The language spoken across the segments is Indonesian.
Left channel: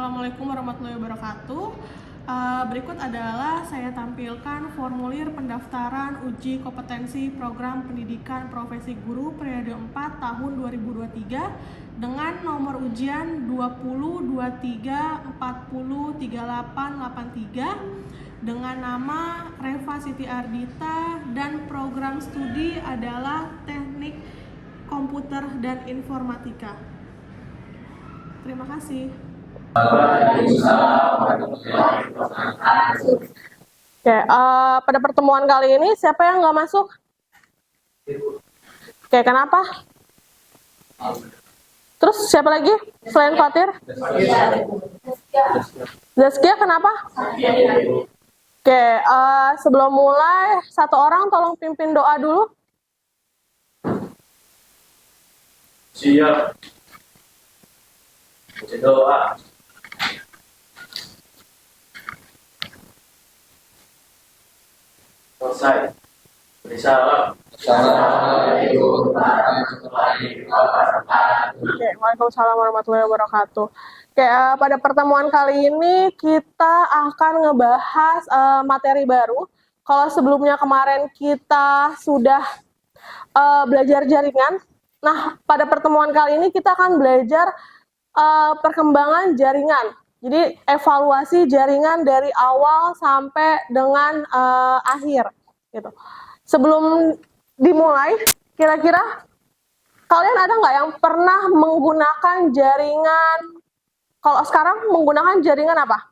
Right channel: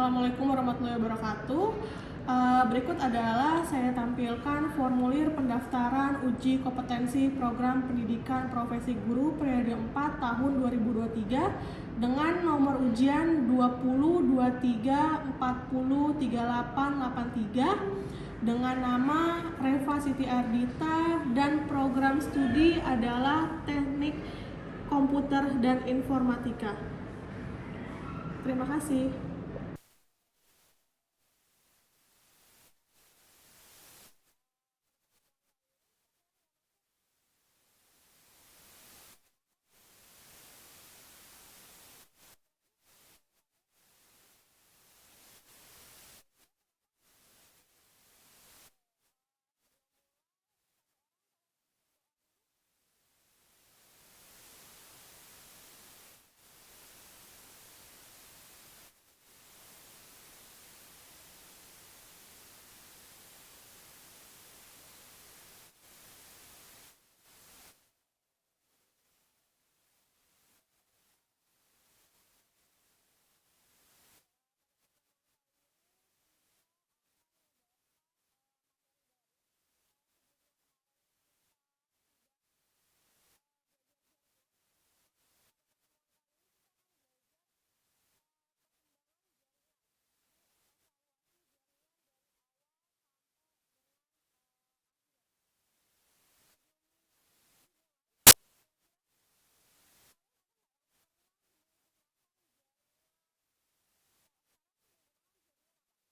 Assalamualaikum warahmatullahi wabarakatuh. Berikut adalah saya tampilkan formulir pendaftaran uji kompetensi program pendidikan profesi guru periode 4 tahun 2023 dengan nomor ujian 20 23 40 38 83 dengan nama Reva Siti Ardita dan program studi adalah Teknik Komputer dan Informatika. Terima kasih. Oke, pada pertemuan kali ini siapa yang nggak masuk? Oke, kenapa? Terus siapa lagi selain Fatir? Zaskia, kenapa? Oke, sebelum mulai satu orang tolong pimpin doa dulu. Siap. Doa. Selesai. Salam. Assalamualaikum warahmatullahi wabarakatuh. Oke, waalaikumsalam warahmatullahi wabarakatuh. Oke, pada pertemuan kali ini kita akan ngebahas materi baru. Kalau sebelumnya kemarin kita sudah belajar jaringan, nah pada pertemuan kali ini kita akan belajar perkembangan jaringan. Jadi evaluasi jaringan dari awal sampai dengan akhir, gitu. Sebelum dimulai, kira-kira kalian ada nggak yang pernah menggunakan jaringan? Kalau sekarang menggunakan jaringan apa?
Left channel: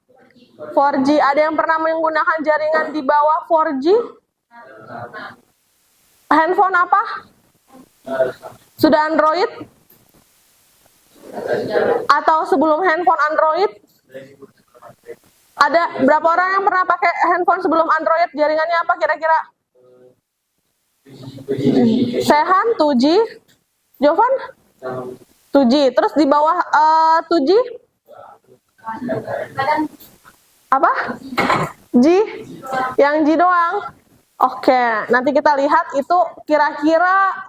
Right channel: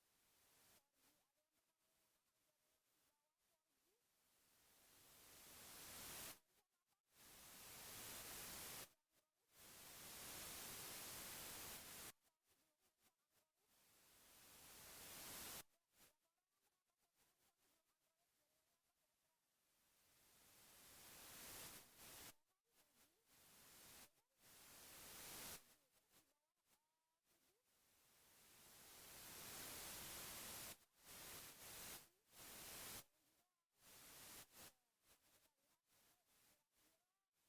4G. Ada yang pernah menggunakan jaringan di bawah 4G? Handphone apa? Sudah Android? Atau sebelum handphone Android? Ada berapa orang yang pernah pakai handphone sebelum Android? Jaringannya apa kira-kira? Sehan, 2G. Jovan? 2G. Terus di bawah 2G? Apa? G? Yang G doang? Oke, nanti kita lihat itu kira-kira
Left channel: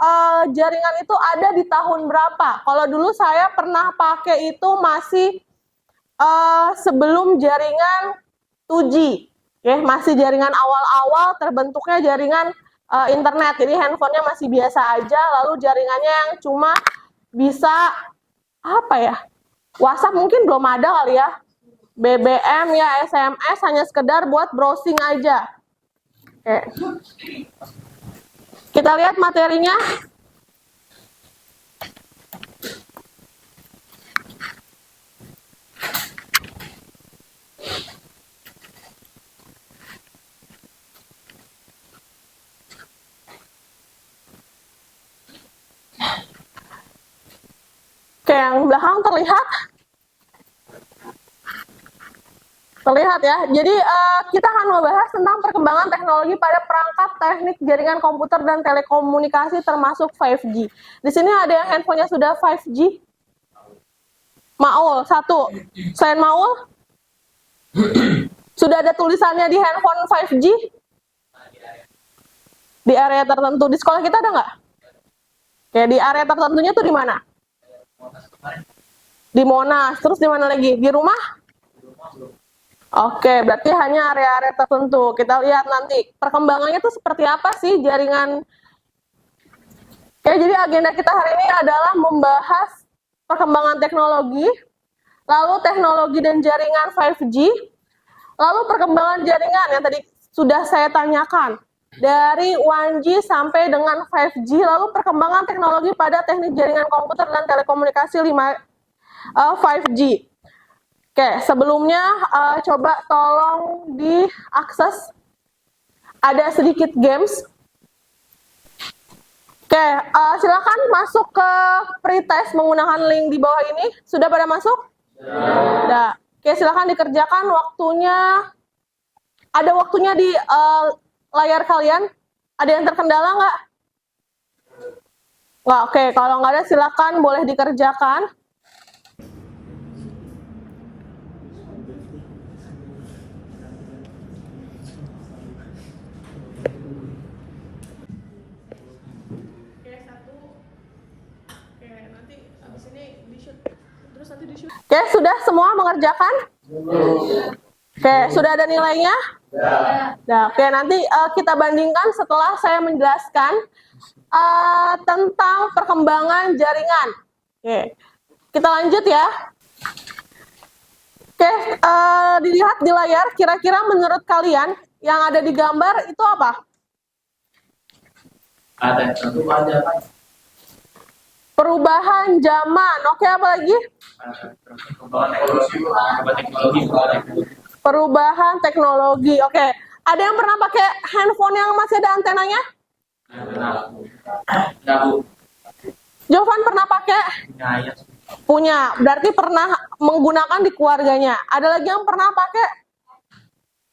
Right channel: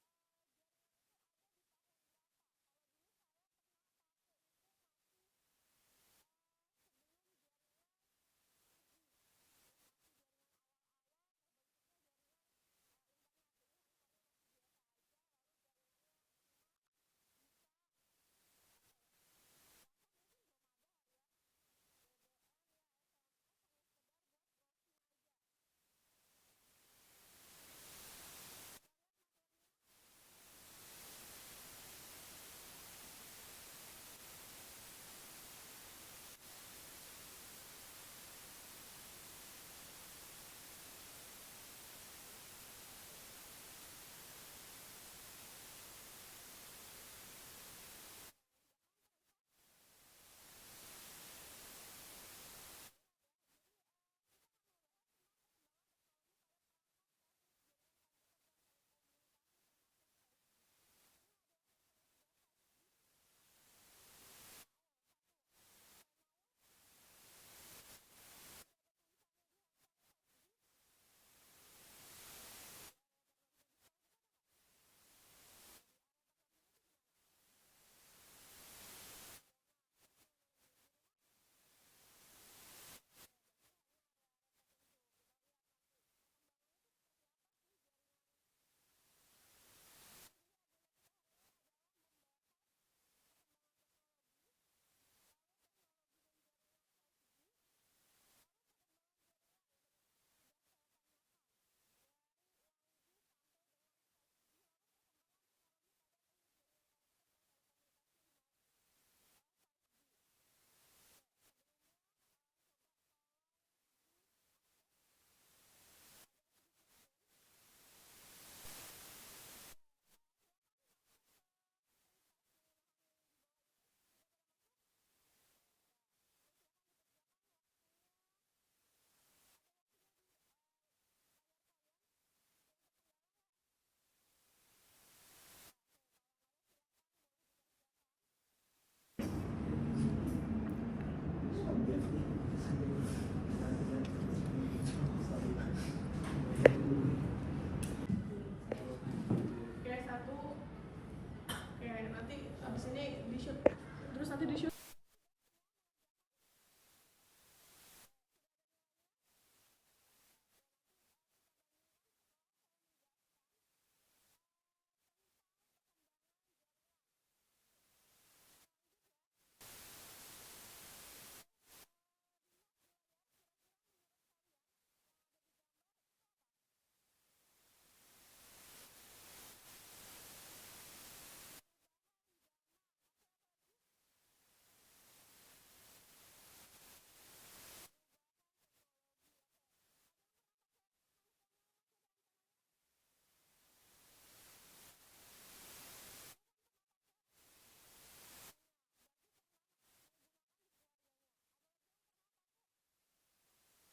jaringan itu ada di tahun berapa. Kalau dulu saya pernah pakai itu masih sebelum jaringan 2G. Oke, masih jaringan awal-awal terbentuknya jaringan internet. Jadi handphonenya masih biasa aja, lalu jaringannya yang cuma bisa apa ya? WhatsApp mungkin belum ada kali ya. BBM ya, SMS hanya sekedar buat browsing aja. Oke. Kita lihat materinya. Oke, yang belakang terlihat? Terlihat ya. Jadi kita akan membahas tentang perkembangan teknologi pada perangkat teknik jaringan komputer dan telekomunikasi termasuk 5G. Di sini ada yang handphonenya sudah 5G? Maul, satu. Selain Maul? Sudah ada tulisannya di handphone 5G? Di area tertentu. Di sekolah kita ada nggak? Oke, di area tertentunya tuh di mana? Di Monas. Terus di mana lagi? Di rumah? Oke, berarti hanya area-area tertentu. Kita lihat nanti perkembangannya tuh seperti apa sih jaringan. Oke, jadi agenda kita hari ini adalah membahas perkembangan teknologi, lalu teknologi dan jaringan 5G, lalu perkembangan jaringan yang tadi sudah saya tanyakan, dari 1G sampai dengan 5G, lalu perkembangan teknologi pada teknik jaringan komputer dan telekomunikasi 5G. Oke, sebelumnya coba tolong diakses. Ada sedikit games. Oke, silakan masuk ke pretest menggunakan link di bawah ini. Sudah pada masuk? Sudah. Oke, silakan dikerjakan waktunya. Ada waktunya di layar kalian. Ada yang terkendala nggak? Nggak, oke. Kalau nggak ada silakan boleh dikerjakan. Oke, nanti habis ini di-shoot. Terus nanti di-shoot. Oke, sudah semua mengerjakan? Oke, sudah ada nilainya? Nah, oke, nanti kita bandingkan setelah saya menjelaskan tentang perkembangan jaringan. Oke, kita lanjut ya. Oke, dilihat di layar, kira-kira menurut kalian yang ada di gambar itu apa? Ada tentu aja kan. Perubahan zaman. Oke, apa lagi? Perubahan teknologi. Oke, ada yang pernah pakai handphone yang masih ada antenanya? Jovan pernah pakai? Punya. Berarti pernah menggunakan di keluarganya. Ada lagi yang pernah pakai?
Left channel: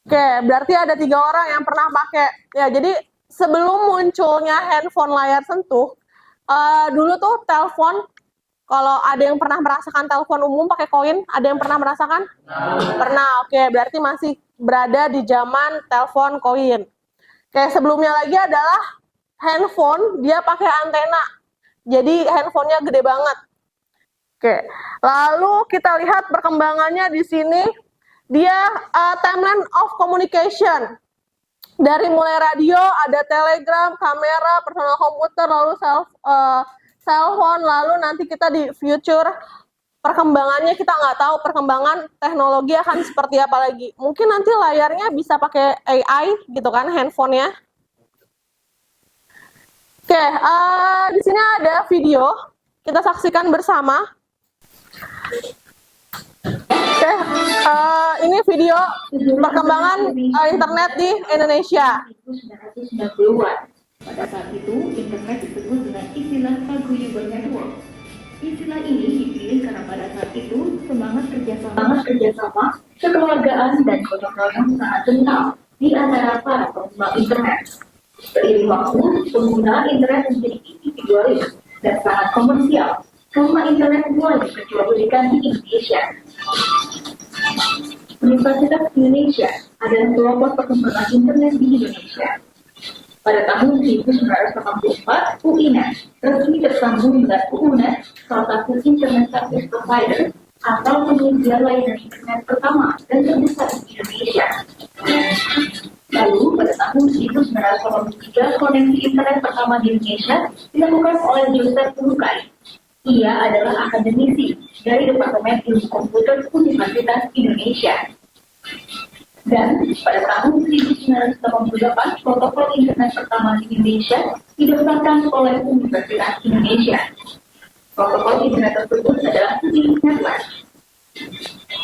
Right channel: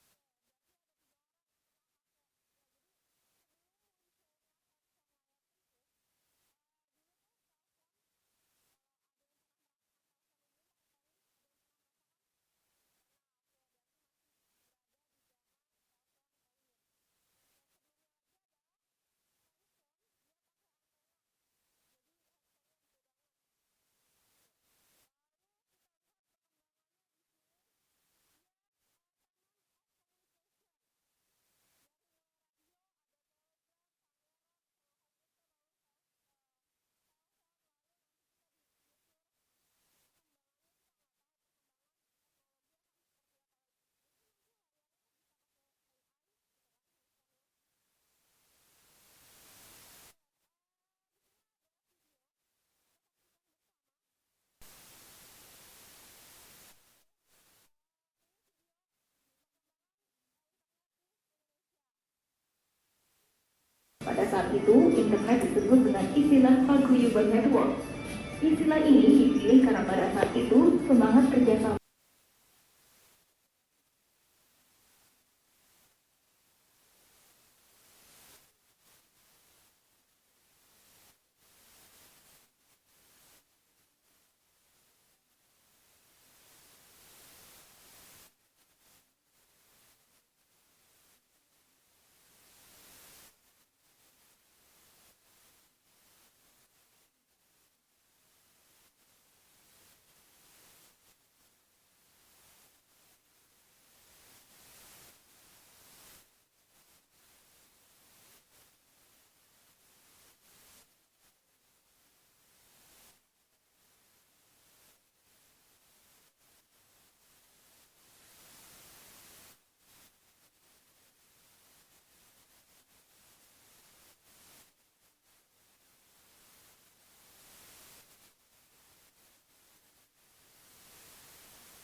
Oke, berarti ada 3 orang yang pernah pakai. Ya, jadi sebelum munculnya handphone layar sentuh, dulu tuh telepon, kalau ada yang pernah merasakan telepon umum pakai koin, ada yang pernah merasakan? Pernah, oke, berarti masih berada di zaman telepon koin. Oke, sebelumnya lagi adalah handphone, dia pakai antena. Jadi handphonenya gede banget. Oke, lalu kita lihat perkembangannya di sini, dia timeline of communication. Dari mulai radio, ada telegram, kamera, personal komputer, lalu cellphone, lalu nanti kita di future perkembangannya kita nggak tahu perkembangan teknologi akan seperti apa lagi. Mungkin nanti layarnya bisa pakai AI gitu kan, handphonenya. Oke, di sini ada video, kita saksikan bersama. Oke, ini video perkembangan internet di Indonesia. 1990-an. Pada saat itu, internet disebut dengan istilah paguyuban network. Istilah ini dipilih karena pada saat itu semangat kerjasama, kekeluargaan dan gotong royong sangat kental di antara para pengguna internet. Seiring waktu, penggunaan internet menjadi individualis dan sangat komersial. Karena internet mulai diperjualbelikan di Indonesia. Universitas Indonesia adalah pelopor perkembangan internet di Indonesia. Pada tahun 1984, UINET resmi tersambung dengan UUNET, salah satu internet service provider atau penyedia layanan internet pertama dan terbesar di Indonesia. Lalu, pada tahun 1983, koneksi internet pertama di Indonesia dilakukan oleh Joseph Lukai. Ia adalah akademisi dari Departemen Ilmu Komputer Universitas Indonesia. Dan pada tahun 1988, protokol internet pertama di Indonesia didaftarkan oleh Universitas Indonesia. Protokol internet tersebut adalah Network.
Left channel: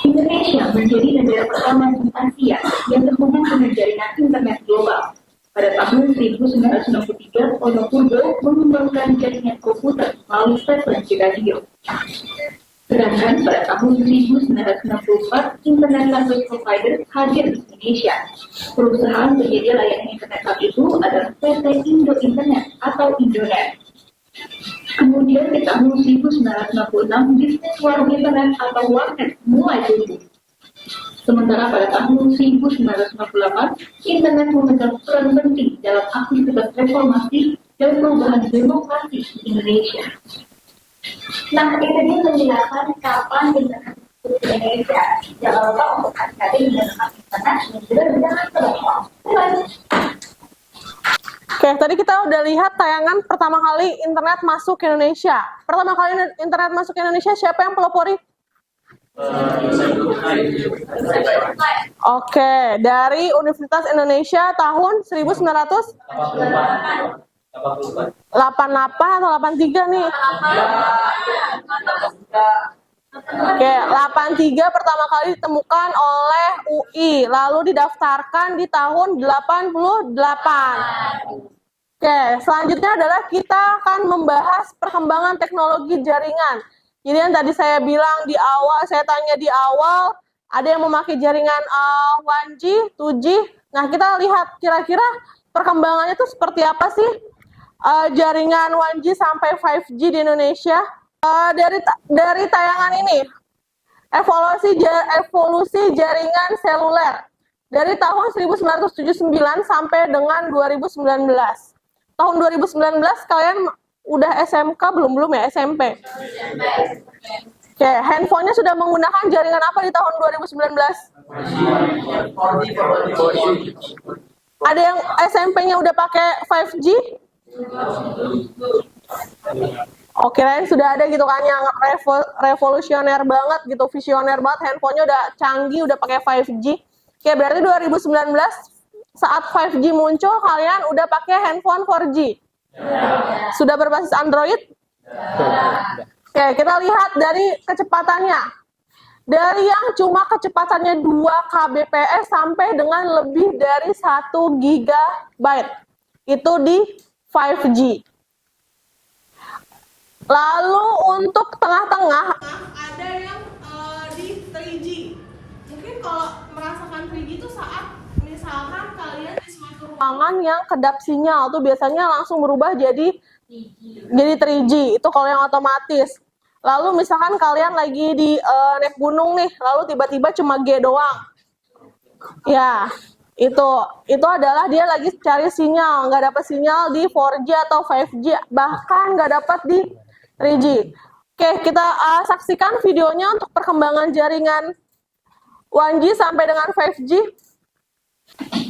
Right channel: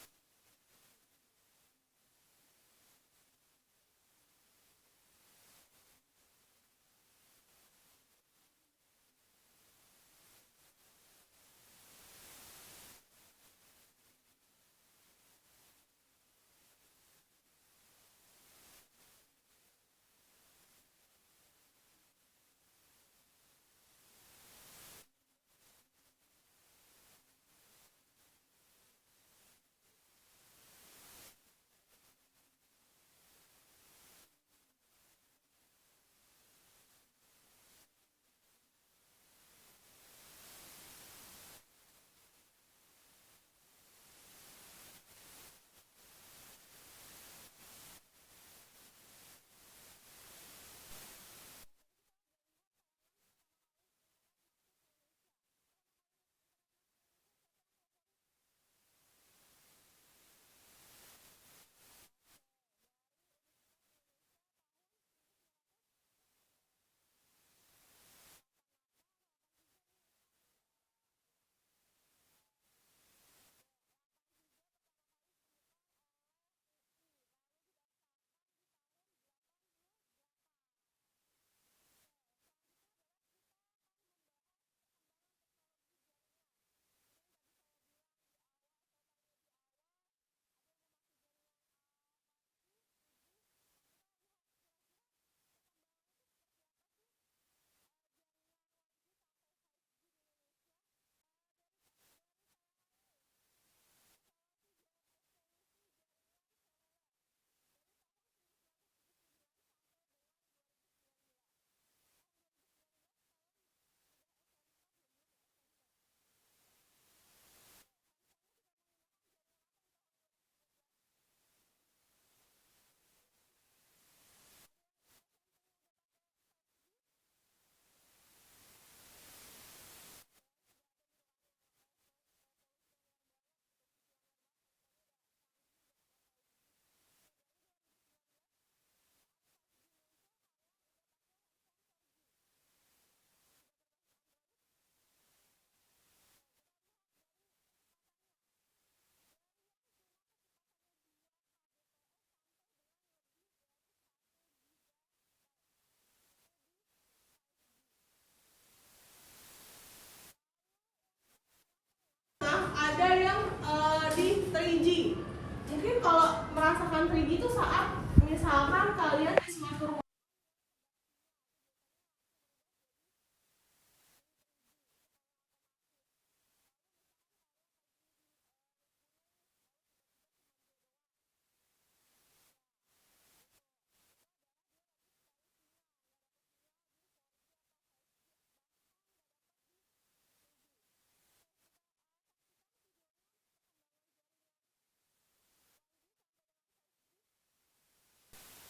Indonesia menjadi negara pertama di Asia yang terhubung dengan jaringan internet global. Pada tahun 1993, Wonosobo mengembangkan jaringan komputer melalui frekuensi radio. Sedangkan pada tahun 1994, Internet Service Provider hadir di Indonesia. Perusahaan penyedia layanan internet saat itu adalah PT Indo Internet atau Indonet. Kemudian di tahun 1996, bisnis warung internet atau warnet mulai tumbuh. Sementara pada tahun 1998, internet memegang peran penting dalam aktivitas reformasi dan perubahan demokrasi di Indonesia. Nah, ini tadi menjelaskan kapan internet di Indonesia. Jangan lupa untuk adik-adik menggunakan internet dan juga dengan telepon. Oke, tadi kita udah lihat tayangan pertama kali internet masuk ke Indonesia. Pertama kali internet masuk ke Indonesia, siapa yang pelopori? Oke, dari Universitas Indonesia tahun 1988 atau 83 nih? Oke, 83 pertama kali ditemukan oleh UI, lalu didaftarkan di tahun 88. Oke, selanjutnya adalah kita akan membahas perkembangan teknologi jaringan. Jadi yang tadi saya bilang di awal, saya tanya di awal, ada yang memakai jaringan 1G, 2G. Nah, kita lihat kira-kira perkembangannya itu seperti apa sih jaringan 1G sampai 5G di Indonesia. Dari tayangan ini, evolusi jaringan seluler dari tahun 1979 sampai dengan 2019. Tahun 2019 kalian udah SMK belum ya, SMP? Oke, handphonenya sudah menggunakan jaringan apa di tahun 2019? Ada yang SMP-nya udah pakai 5G? Oke, kirain sudah ada gitu kan yang revolusioner banget gitu, visioner banget, handphonenya udah canggih, udah pakai 5G. Oke, berarti 2019 saat 5G muncul, kalian udah pakai handphone 4G? Sudah berbasis Android? Oke, kita lihat dari kecepatannya. Dari yang cuma kecepatannya 2 kbps sampai dengan lebih dari 1 GB. Itu di 5G. Lalu untuk tengah-tengah ada yang di 3G. Mungkin kalau merasakan 3G itu saat misalkan kalian di suatu ruangan yang kedap sinyal tuh biasanya langsung berubah jadi 3G. Itu kalau yang otomatis. Lalu misalkan kalian lagi di naik gunung nih, lalu tiba-tiba cuma G doang. Ya, itu adalah dia lagi cari sinyal, nggak dapat sinyal di 4G atau 5G, bahkan nggak dapat di 3G. Oke, kita saksikan videonya untuk perkembangan jaringan 1G sampai dengan 5G.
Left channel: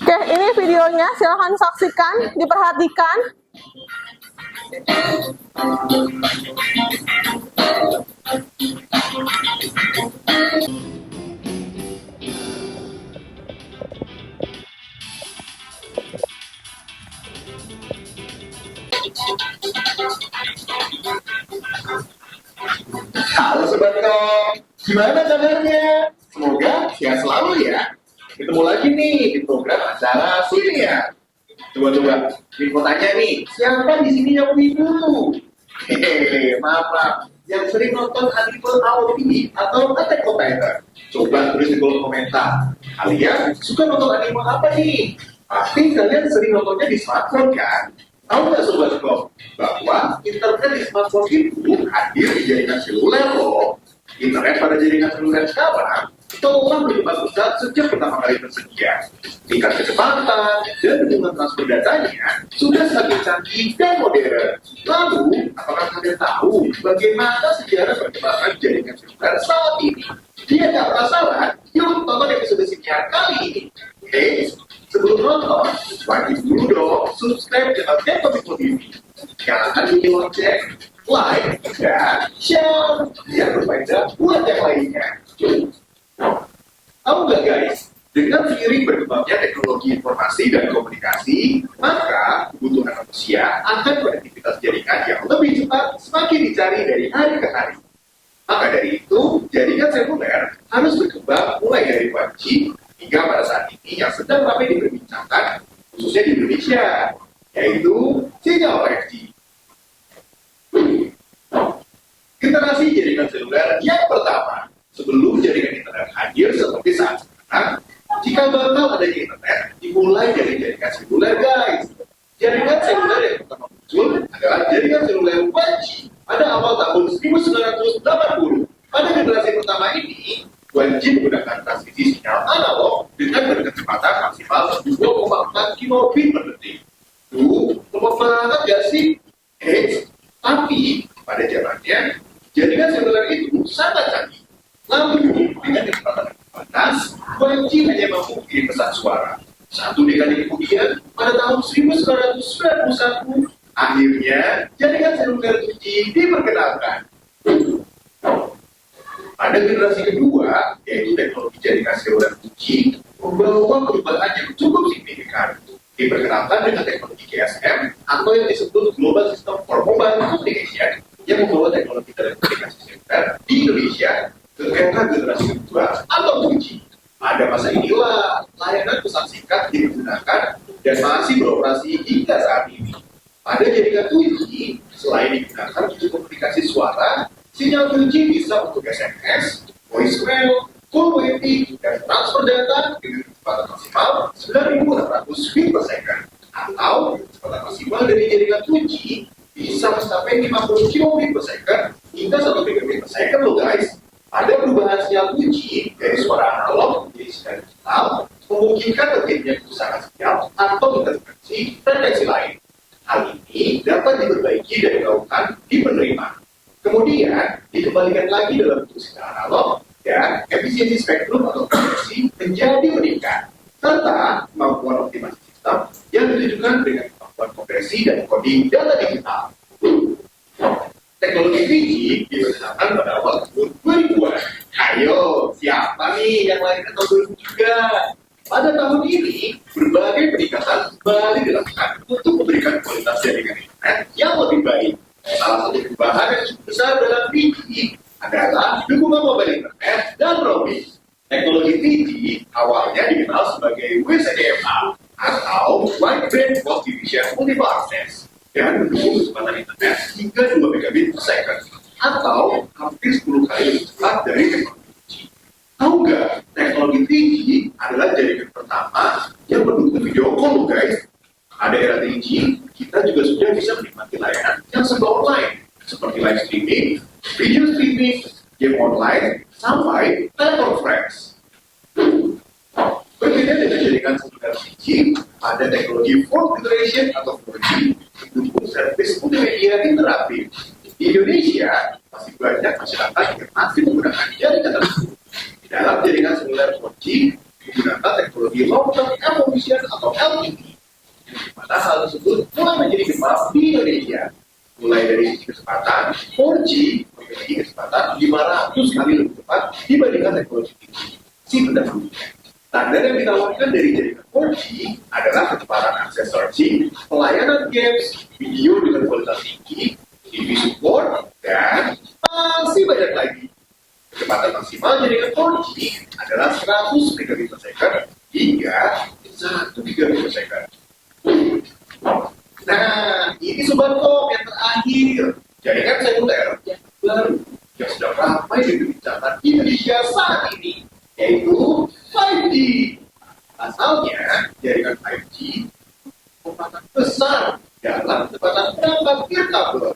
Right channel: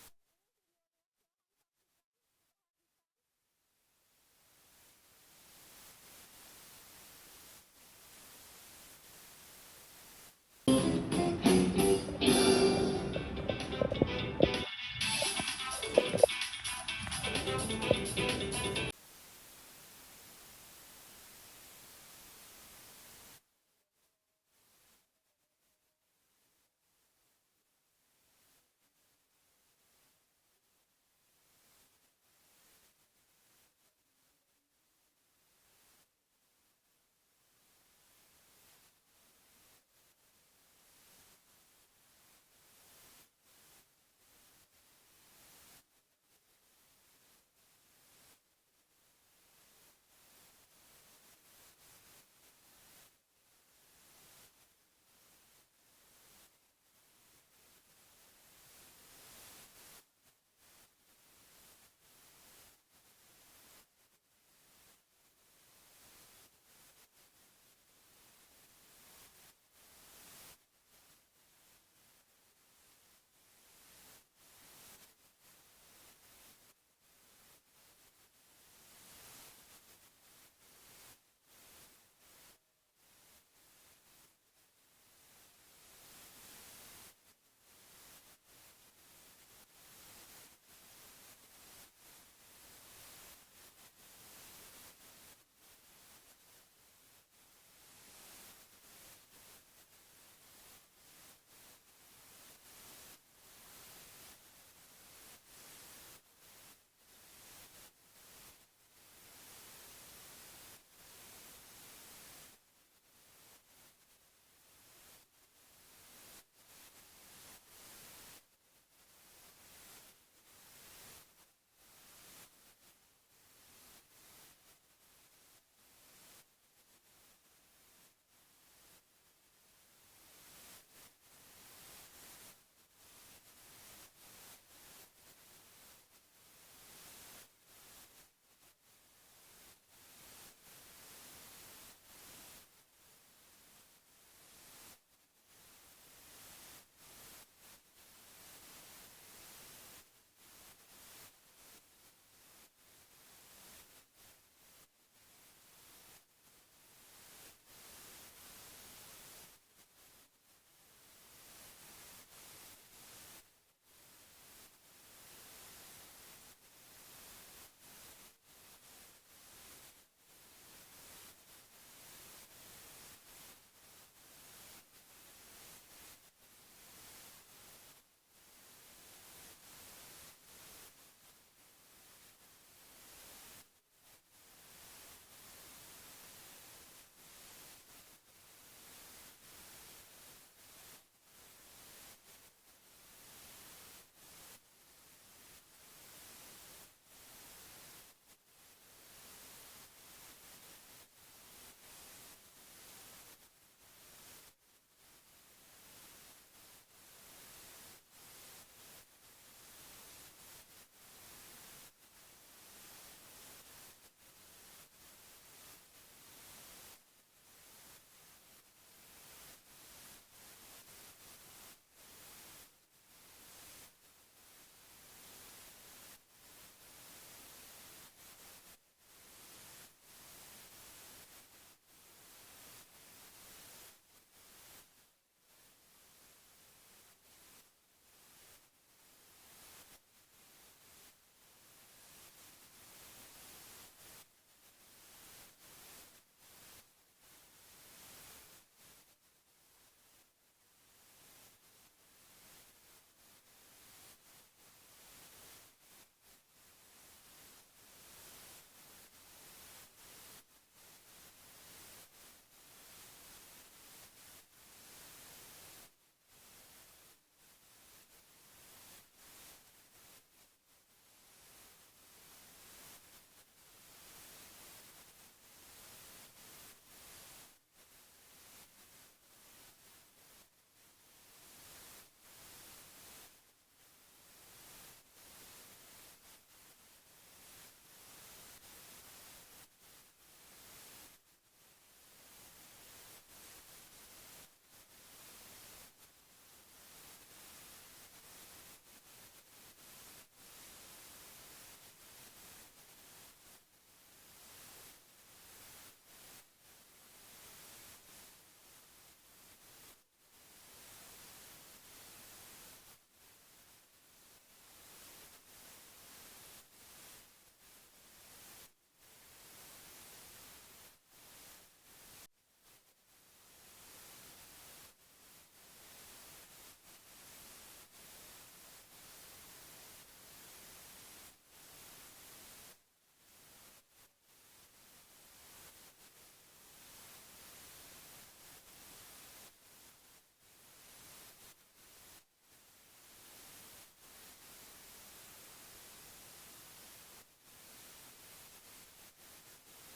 Oke, ini videonya, silahkan saksikan, diperhatikan. Halo Sobat Kom, gimana kabarnya? Semoga sehat selalu ya. Ketemu lagi nih di program acara Sunia. Coba-coba, Info tanya nih, siapa di sini yang wibu? Hehehe, maaf. Yang sering nonton anime AOT atau Attack on Titan? Coba tulis di kolom komentar. Kalian suka nonton anime apa nih? Pasti kalian sering nontonnya di smartphone kan? Tahu nggak Sobat Kom, bahwa internet di smartphone itu hadir di jaringan seluler loh. Internet pada jaringan seluler sekarang telah berkembang pesat sejak pertama kali tersedia. Tingkat kecepatan dan hubungan transfer datanya sudah semakin canggih dan modern. Lalu, apakah kalian tahu bagaimana sejarah perkembangan jaringan seluler saat ini? Dia nggak penasaran? Yuk tonton episode sinyal kali ini. Sebelum nonton, wajib dulu dong subscribe channel Kekomiko TV. Jangan lupa lonceng, like, dan share biar berfaedah buat yang lainnya. Tahu nggak guys, dengan seiring berkembangnya teknologi informasi dan komunikasi, maka kebutuhan manusia akan konektivitas jaringan yang lebih cepat semakin dicari dari hari ke hari. Maka dari itu, jaringan seluler harus berkembang mulai dari 1G hingga pada saat ini yang sedang ramai diperbincangkan, khususnya di Indonesia, yaitu sinyal 5G. Generasi jaringan seluler yang pertama, sebelum jaringan internet hadir seperti saat sekarang, jika bakal adanya internet, dimulai dari jaringan seluler guys. Jaringan seluler yang pertama muncul adalah jaringan seluler 1G pada awal tahun 1980. Pada generasi pertama ini, 1G menggunakan transmisi sinyal analog dengan berkecepatan maksimal 2,4 kilobit per detik. Lemah banget gak sih? Tapi pada zamannya, jaringan seluler itu sangat canggih. Lalu, dengan kecepatan terbatas, 1G hanya mampu mengirim pesan suara. Satu dekade kemudian, pada tahun 1991, akhirnya jaringan seluler 2G diperkenalkan. Pada generasi kedua, yaitu teknologi jaringan seluler 2G, membawa perubahan yang cukup signifikan. Diperkenalkan dengan teknologi GSM atau yang disebut Global System for Mobile Communication yang membawa teknologi telekomunikasi seluler di Indonesia ke era generasi kedua atau 2G. Pada masa inilah layanan pesan singkat digunakan dan masih beroperasi hingga saat ini. Pada jaringan 2G, selain digunakan untuk komunikasi suara, sinyal 2G bisa untuk SMS, voicemail, call waiting, dan transfer data dengan kecepatan maksimal 9.600 feet per second. Atau kecepatan maksimal dari jaringan 2G bisa mencapai 50 km per second hingga 1 Mbps per second loh guys. Pada perubahan sinyal 2G dari suara analog menjadi sinyal digital, memungkinkan terjadinya kerusakan sinyal atau interferensi frekuensi lain. Hal ini dapat diperbaiki dan dilakukan di penerima. Kemudian dikembalikan lagi dalam bentuk secara analog dan efisiensi spektrum atau frekuensi menjadi meningkat serta kemampuan optimasi sistem yang ditujukan dengan kemampuan kompresi dan coding data digital. Teknologi 3G diperkenalkan pada awal tahun 2000-an. Ayo, siapa nih yang lahir tahun 2000 juga? Pada tahun ini, berbagai peningkatan kembali dilakukan untuk memberikan kualitas jaringan internet yang lebih baik. Salah satu perubahan yang cukup besar dalam 3G adalah dukungan mobile internet dan roaming. Teknologi 3G awalnya dikenal sebagai WCDMA atau Wide Band Cross Division Multiple Access dan mendukung kecepatan internet hingga 2 megabit per second atau hampir 10 kali lebih cepat dari teknologi 2G. Tahu nggak, teknologi 3G adalah jaringan pertama yang mendukung video call, guys. Pada era 3G, kita juga sudah bisa menikmati layanan yang serba online, seperti live streaming, video streaming, game online, sampai teleconference. Berbeda dengan jaringan seluler 3G, ada teknologi 4th generation atau 4G mendukung servis multimedia interaktif. Di Indonesia, masih banyak masyarakat yang masih menggunakan jaringan tersebut. Dalam jaringan seluler 4G, menggunakan teknologi long-term evolution atau LTE. Pada hal tersebut mulai menjadi gemar di Indonesia. Mulai dari sisi kecepatan, 4G memiliki kecepatan 500 kali lebih cepat dibandingkan teknologi 3G si pendahulunya. Standar yang ditawarkan dari jaringan 4G adalah kecepatan akses searching, pelayanan games, video dengan kualitas tinggi, TV support, dan masih banyak lagi. Kecepatan maksimal jaringan 4G adalah 100 megabit per second hingga 1 gigabit per second. Nah, ini Sobat Kok yang terakhir. Jaringan seluler yang baru yang sedang ramai dibincangkan di Indonesia saat ini, yaitu 5G. Asalnya, jaringan 5G kecepatan besar dalam kecepatan perangkat kabel.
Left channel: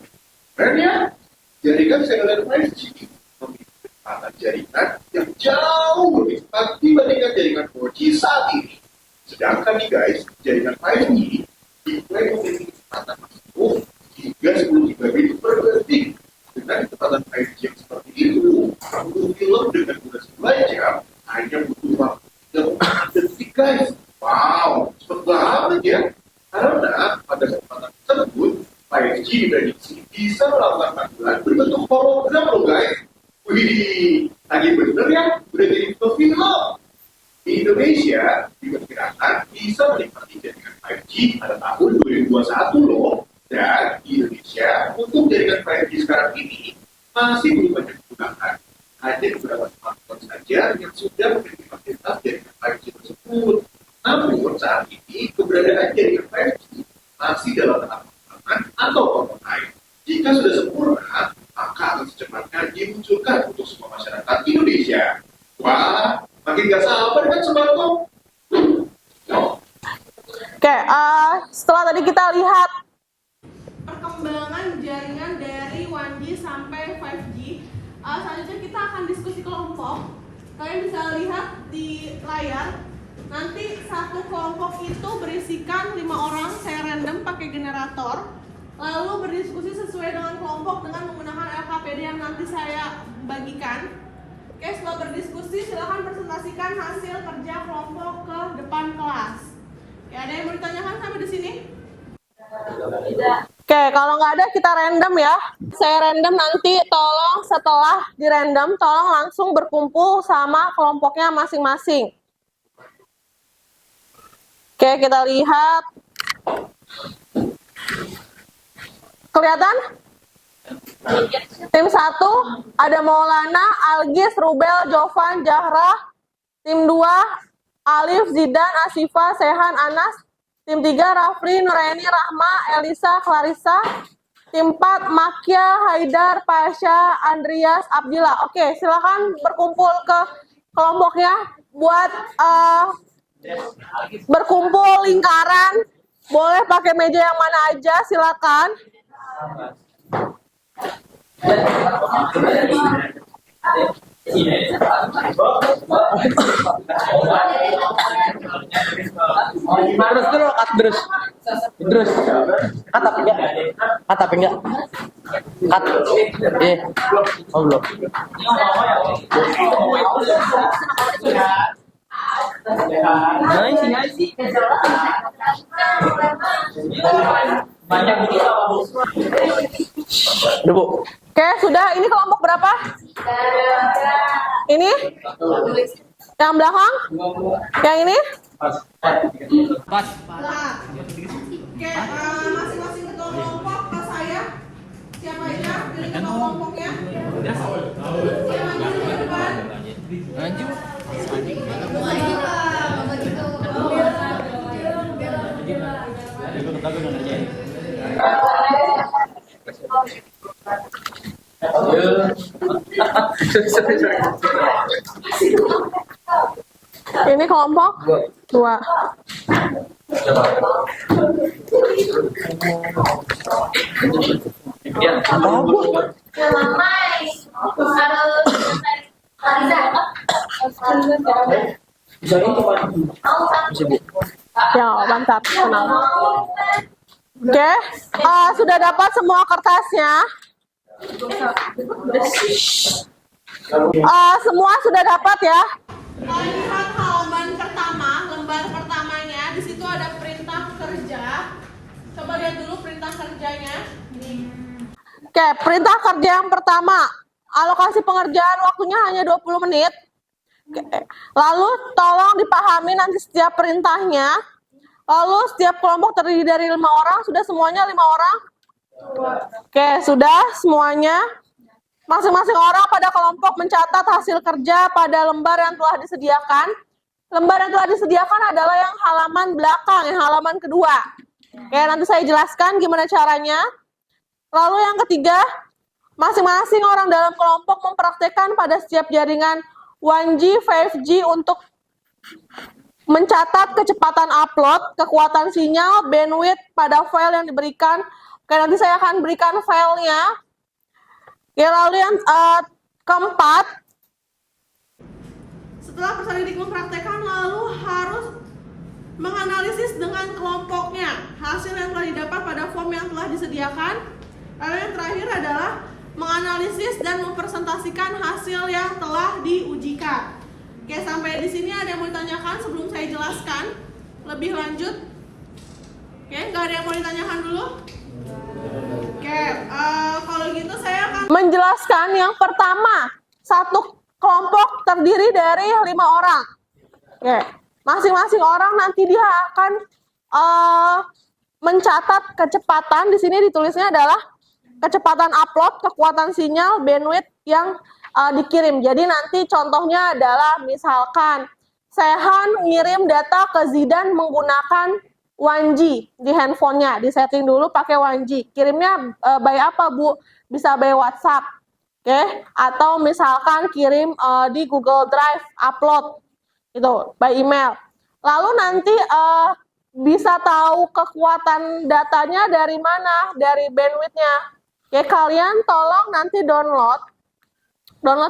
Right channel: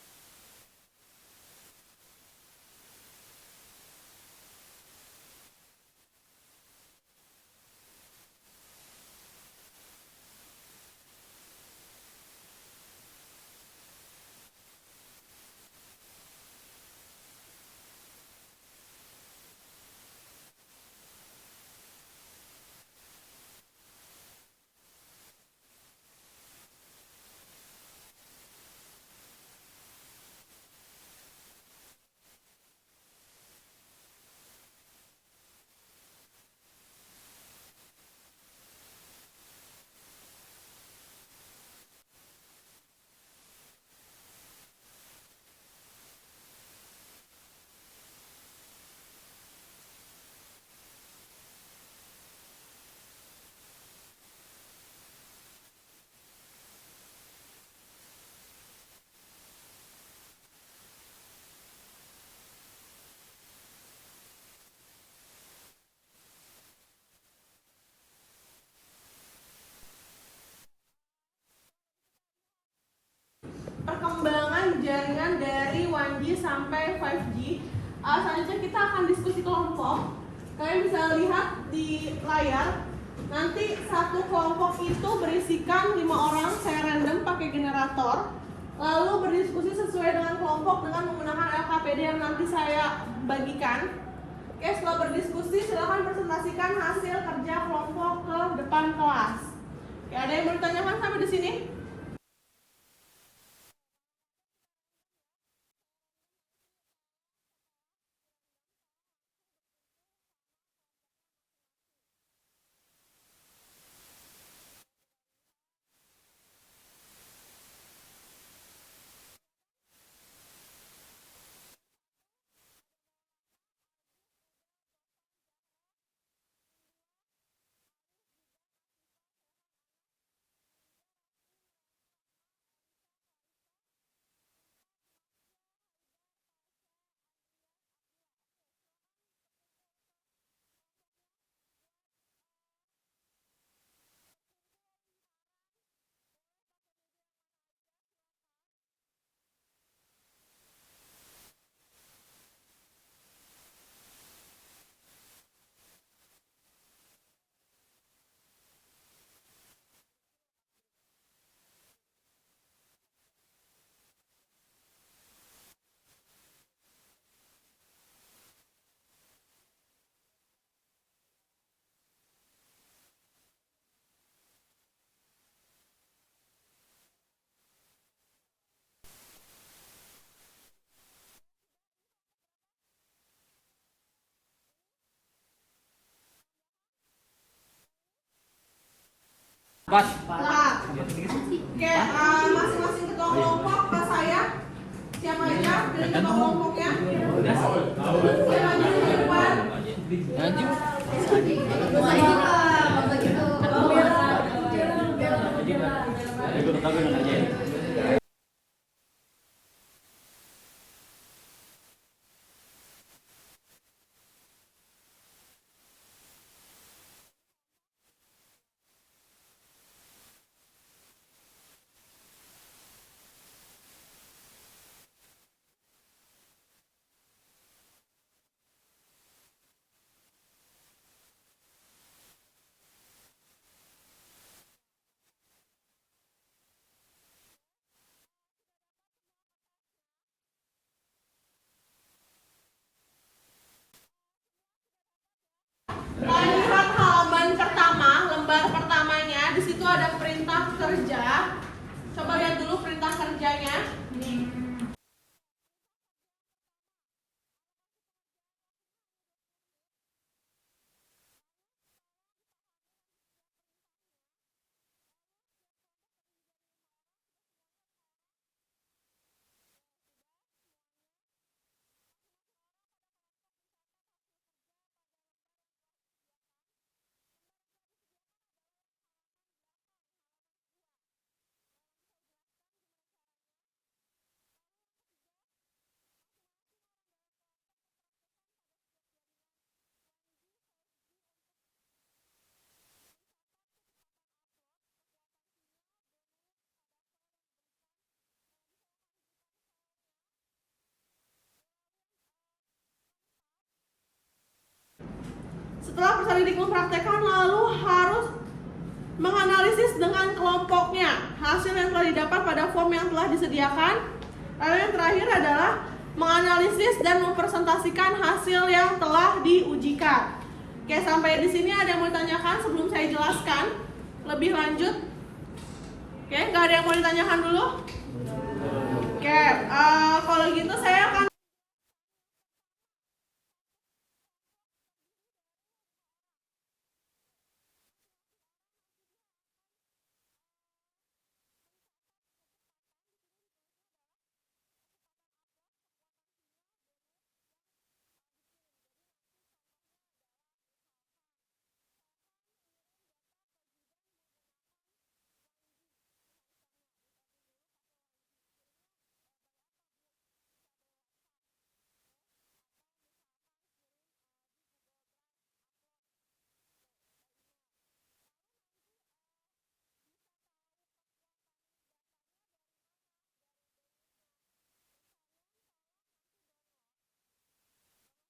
Kerennya, jaringan seluler 5G memiliki kecepatan jaringan yang jauh lebih cepat dibandingkan jaringan 4G saat ini. Sedangkan nih guys, jaringan 5G diklaim memiliki kecepatan maksimum hingga 10 gigabit per detik. Dengan kecepatan 5G yang seperti itu, menonton film dengan durasi 2 jam hanya butuh waktu 4 detik guys. Wow, cepet banget ya. Karena pada kesempatan tersebut, 5G diprediksi bisa melakukan panggilan berbentuk hologram loh guys. Wih, lagi bener ya, udah jadi film. Di Indonesia diperkirakan bisa menikmati jaringan 5G pada tahun 2021 loh. Dan di Indonesia untuk jaringan 5G sekarang ini masih belum banyak digunakan. Hanya beberapa smartphone saja yang sudah memiliki fasilitas jaringan 5G tersebut. Namun saat ini keberadaan jaringan 5G masih dalam tahap pengembangan atau prototype. Jika sudah sempurna, maka akan secepatnya dimunculkan untuk semua masyarakat Indonesia. Wah, makin gak sabar kan Sobat Kok? Oke, setelah tadi kita lihat perkembangan jaringan dari 1G sampai 5G, selanjutnya kita akan diskusi kelompok. Kalian bisa lihat di layar, nanti satu kelompok itu berisikan 5 orang, saya random pakai generator, lalu berdiskusi sesuai dengan kelompok dengan menggunakan LKPD yang nanti saya bagikan. Oke, setelah berdiskusi silahkan presentasikan hasil kerja kelompok ke depan kelas. Oke, ada yang mau ditanyakan sampai di sini? Oke, kalau nggak ada kita random ya. Saya random, nanti tolong setelah di random, tolong langsung berkumpul sama kelompoknya masing-masing. Oke, kita lihat. Kelihatan? Tim 1 ada Maulana, Algis, Rubel, Jovan, Jahra. Tim 2 Alif, Zidan, Asifa, Sehan, Anas. Tim 3 Rafli, Nuraini, Rahma, Elisa, Clarissa. Tim 4 Makia, Haidar, Pasha, Andrias, Abdillah. Oke, silakan berkumpul ke kelompoknya buat berkumpul lingkaran. Boleh pakai meja yang mana aja, silakan. Terus dulu, terus. Kata Cut tapi enggak? Cut. Oh belum. Nice. Banyak udah, Bu. Oke, sudah. Ini kelompok berapa? Ini? Yang belakang? Yang ini? Pas. Oke, masing-masing ketua kelompok ke saya. Siapa aja dari ketua kelompoknya? Siapa aja di depan? Ini kelompok 2. Ya, bisa ini bisa, Bu. Ya, mantap. Tenang. Oke, sudah dapat semua kertasnya? Semua sudah dapat ya? Lihat halaman pertama, lembar pertamanya. Di situ ada perintah kerja. Coba lihat dulu perintah kerjanya. Oke, perintah kerja yang pertama. Alokasi pengerjaan waktunya hanya 20 menit. Oke. Lalu tolong dipahami nanti setiap perintahnya. Lalu setiap kelompok terdiri dari 5 orang. Sudah semuanya 5 orang? Oke, sudah semuanya. Masing-masing orang pada kelompok mencatat hasil kerja pada lembar yang telah disediakan. Lembar yang telah disediakan adalah yang halaman belakang, yang halaman kedua. Oke, nanti saya jelaskan gimana caranya. Lalu yang ketiga, masing-masing orang dalam kelompok mempraktekkan pada setiap jaringan 1G, 5G untuk mencatat kecepatan upload, kekuatan sinyal, bandwidth pada file yang diberikan. Oke, nanti saya akan berikan filenya. Ya, lalu yang keempat, setelah peserta didik mempraktekkan, lalu harus menganalisis dengan kelompoknya hasil yang telah didapat pada form yang telah disediakan. Lalu yang terakhir adalah menganalisis dan mempresentasikan hasil yang telah diujikan. Oke, sampai di sini ada yang mau ditanyakan sebelum saya jelaskan lebih lanjut? Oke, nggak ada yang mau ditanyakan dulu? Oke, kalau gitu saya akan menjelaskan yang pertama. Satu kelompok terdiri dari 5 orang. Oke, masing-masing orang nanti dia akan mencatat kecepatan. Di sini ditulisnya adalah kecepatan upload, kekuatan sinyal, bandwidth yang dikirim. Jadi nanti contohnya adalah misalkan Sehan ngirim data ke Zidan menggunakan 1G di handphonenya, disetting dulu pakai 1G. Kirimnya by apa, Bu? Bisa by WhatsApp, oke? Atau misalkan kirim di Google Drive, upload, itu by email. Lalu nanti bisa tahu kekuatan datanya dari mana, dari bandwidthnya. Oke, kalian tolong nanti download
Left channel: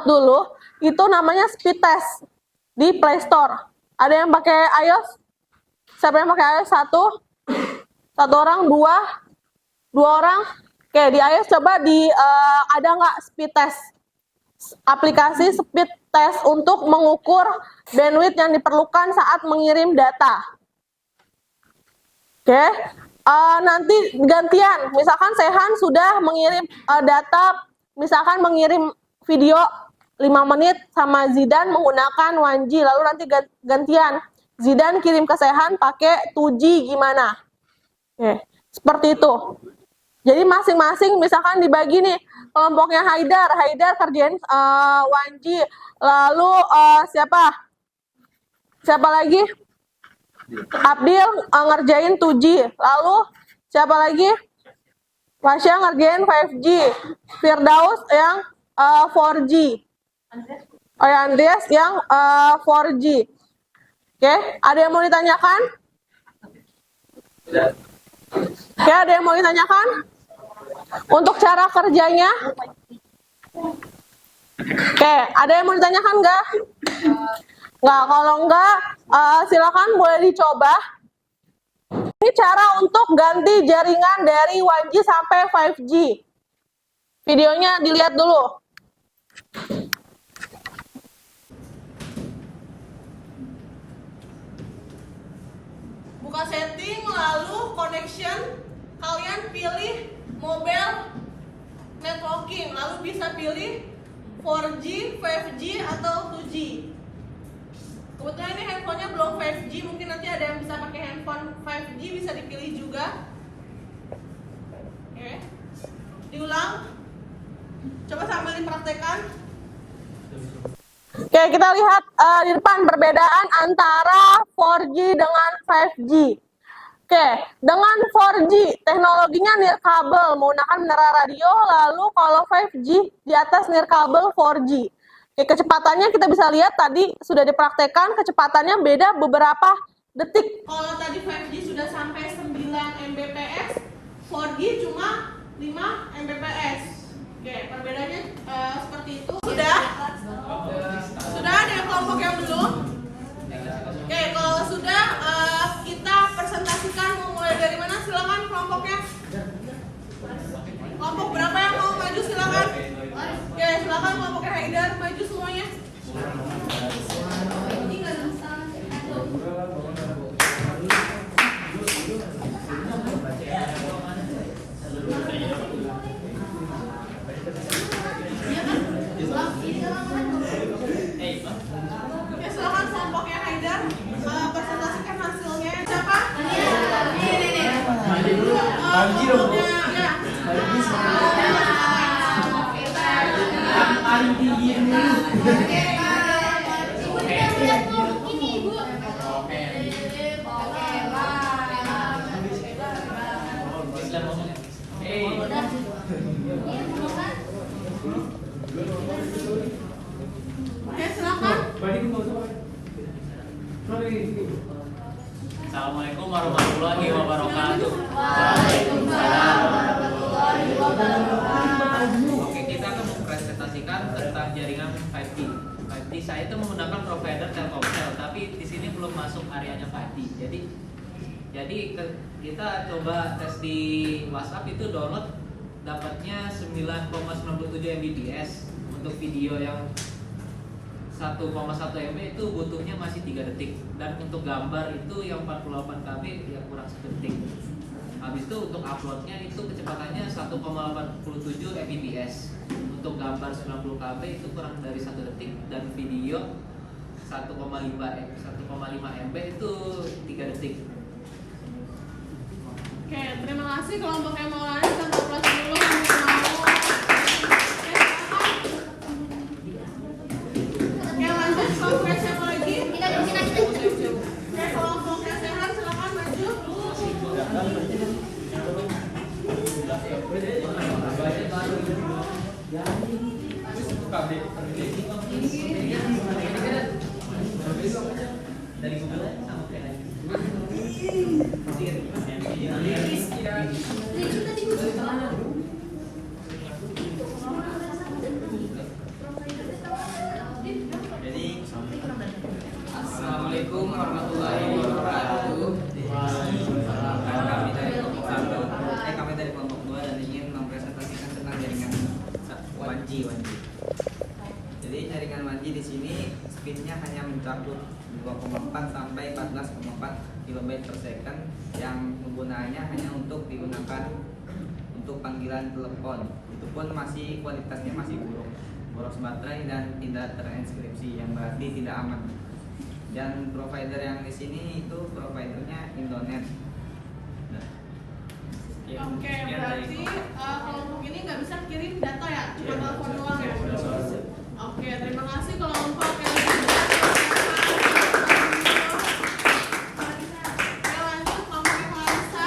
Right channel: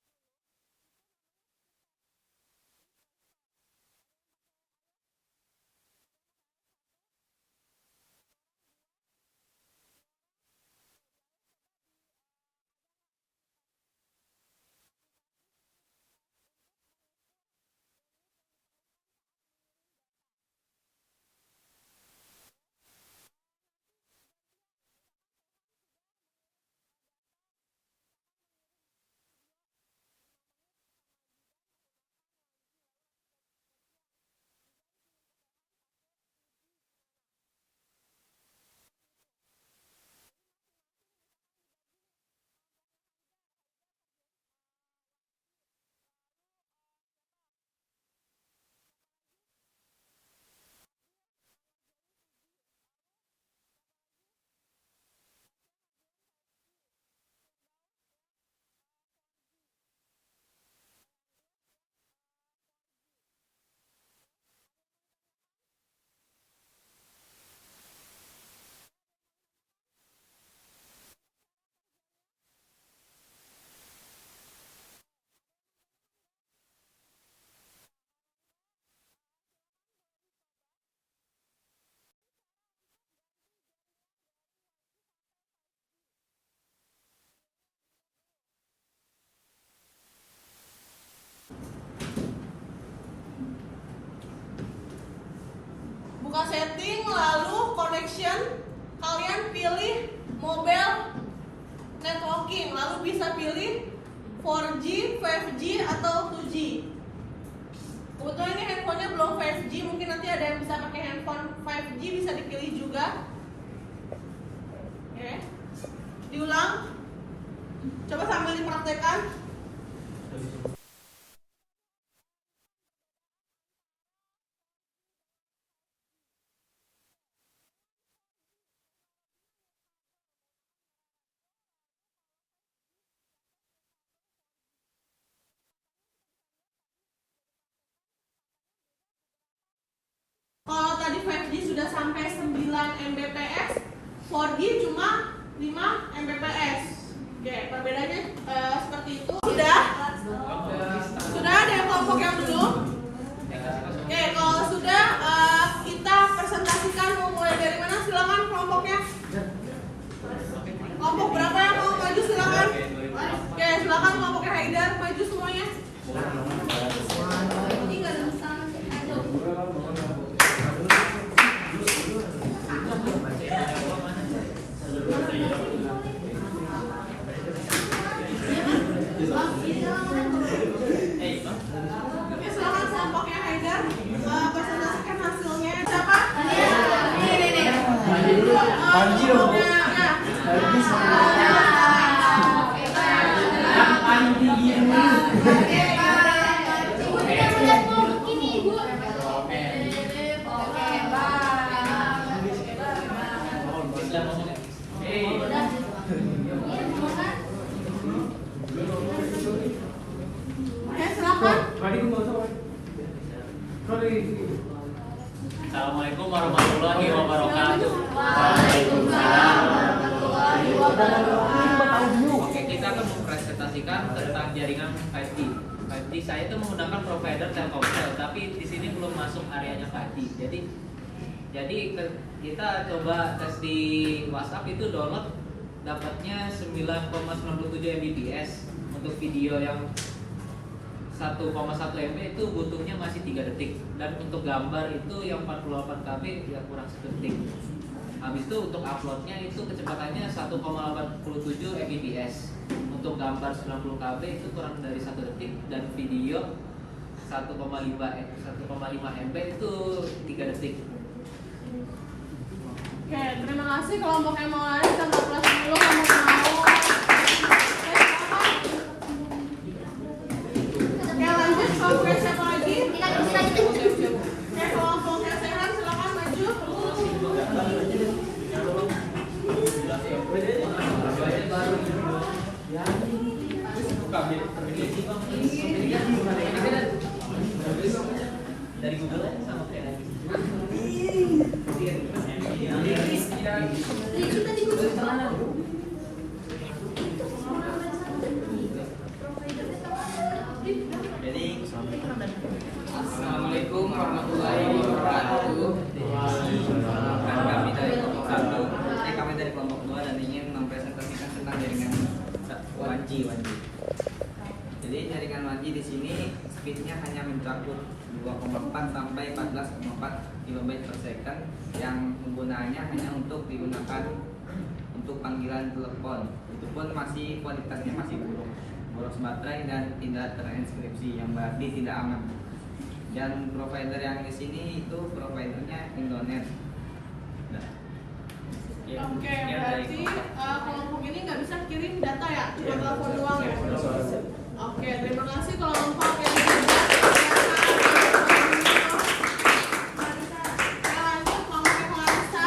dulu. Itu namanya speed test di Play Store. Ada yang pakai iOS? Siapa yang pakai iOS? Satu orang, dua orang. Oke, di iOS coba ada nggak speed test? Aplikasi speed test untuk mengukur bandwidth yang diperlukan saat mengirim data. Oke, nanti gantian. Misalkan Sehan sudah mengirim data, misalkan mengirim video 5 menit sama Zidan menggunakan 1G. Lalu nanti gantian. Zidan kirim ke Sehan pakai 2G gimana? Oke, seperti itu. Jadi masing-masing misalkan dibagi nih, kelompoknya Haidar kerjain 1G. Lalu siapa lagi? Abdil ngerjain 2G. Lalu siapa lagi? Fasya ngerjain 5G. Firdaus yang 4G. Oh ya, Andreas yang 4G. Oke, ada yang mau ditanyakan? Oke, ada yang mau ditanyakan? Untuk cara kerjanya? Oke, ada yang mau ditanyakan nggak? Nggak, kalau nggak, silakan boleh dicoba. Ini cara untuk ganti jaringan dari 1G sampai 5G. Videonya dilihat dulu. Buka setting, lalu connection. Kalian pilih mobile networking, lalu bisa pilih 4G, 5G, atau 2G. Kebetulan ini handphonenya belum 5G, mungkin nanti ada yang bisa pakai handphone 5G, bisa dipilih juga. Oke, diulang. Coba sambil dipraktekkan. Oke, kita lihat di depan perbedaan antara 4G dengan 5G. Oke, dengan 4G teknologinya nirkabel menggunakan menara radio, lalu kalau 5G di atas nirkabel 4G. Oke, kecepatannya kita bisa lihat tadi sudah dipraktekkan, kecepatannya beda beberapa detik. Kalau tadi 5G sudah sampai 9 Mbps, 4G cuma 5 Mbps. Oke, perbedaannya seperti itu. Sudah ada yang kelompok yang belum? Oke, kalau sudah kita presentasikan. Mau mulai dari mana? Silakan kelompoknya. Kelompok berapa yang mau maju? Silakan. Oke, silakan kelompoknya Haidar maju semuanya. Oke, silakan kelompoknya Haidar presentasikan hasilnya. Siapa? Oke, silakan. Assalamualaikum warahmatullahi wabarakatuh. Waalaikumsalam. Oke, kita akan mempresentasikan tentang jaringan 5G. 5G saya itu menggunakan provider Telkomsel, tapi di sini belum masuk areanya 5G. Jadi kita coba tes di WhatsApp itu download dapatnya 9,97 Mbps untuk video yang 1,1 MB itu butuhnya masih 3 detik, dan untuk gambar itu yang 48 KB yang kurang 1 detik. Habis itu untuk uploadnya itu kecepatannya 1,87 Mbps, untuk gambar 90 KB itu kurang dari 1 detik, dan video 1,5 MB itu 3 detik. Oke, terima kasih kelompok yang mau lari. Kita ngobrol dulu kamu mau. Oke, lanjut kelompoknya siapa lagi? Oke, kelompoknya Sehan silakan maju. Dari Google sama kayak Assalamualaikum warahmatullahi wabarakatuh. Kami dari kelompok 2 dan ingin mempresentasikan tentang jaringan 1G. Jadi jaringan 1G di sini speednya hanya mencakup 2,4 sampai 14,4 KB per second, yang penggunaannya hanya untuk digunakan untuk panggilan telepon. Itu pun masih kualitasnya masih buruk, boros baterai dan tidak terinskripsi, yang berarti tidak aman. Dan provider yang di sini itu providernya Indonet. Nah, Oke, berarti kelompok ini nggak bisa kirim data ya, cuma telepon doang ya. Oke, terima kasih kelompok yang sudah. Lanjut kelompok Clarissa.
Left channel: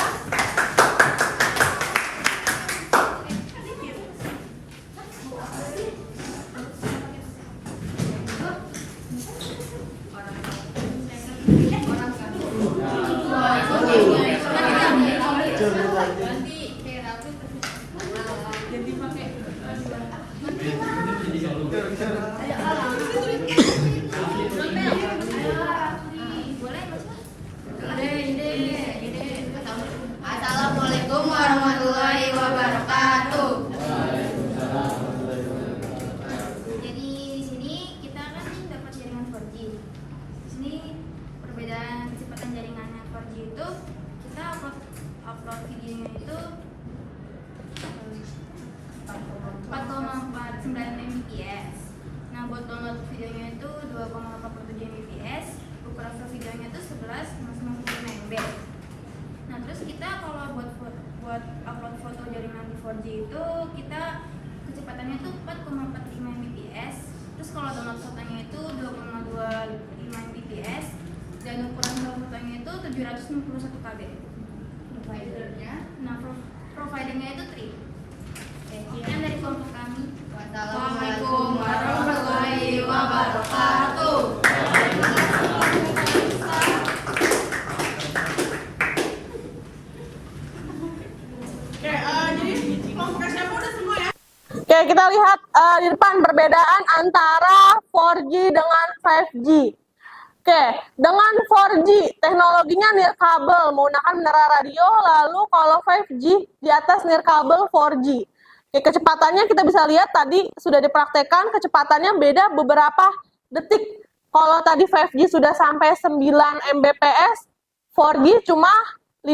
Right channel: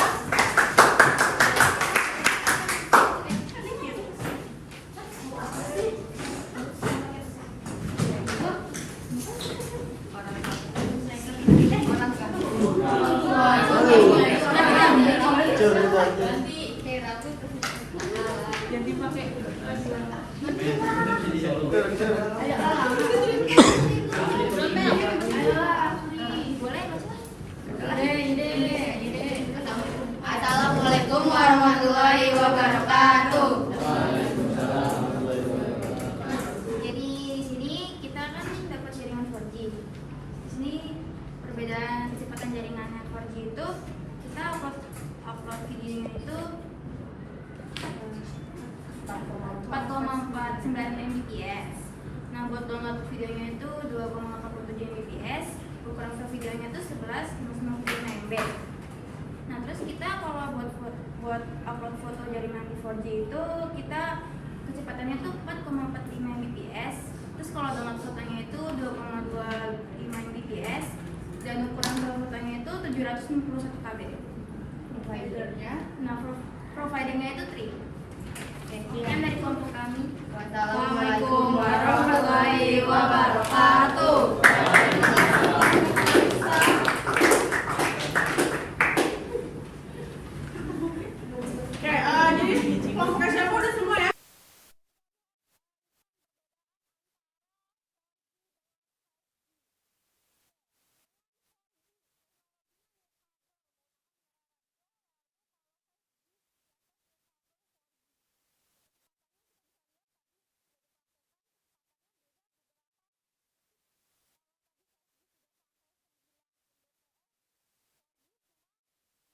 Jadi pakai Assalamualaikum warahmatullahi wabarakatuh. Jadi di sini kita kan dapat jaringan 4G. Di sini perbedaan kecepatan jaringannya 4G itu kita upload videonya itu 4,49 Mbps. Nah, buat download videonya itu 2,87 Mbps. Ukuran videonya itu 11,95 MB. Nah, terus kita kalau buat upload foto jaringan di 4G itu kita kecepatannya itu 4,45 Mbps. Terus kalau download fotonya itu 2,25 Mbps dan ukuran fotonya itu 761 KB. Providernya? Nah, providernya itu Tri. Sekian dari kelompok kami. Wassalamualaikum warahmatullahi wabarakatuh. Oke, kita lihat di depan perbedaan antara 4G dengan 5G. Oke, dengan 4G teknologinya nirkabel menggunakan menara radio, lalu kalau 5G di atas nirkabel 4G. Oke, kecepatannya kita bisa lihat tadi sudah dipraktekkan, kecepatannya beda beberapa detik. Kalau tadi 5G sudah sampai 9 Mbps, 4G cuma 5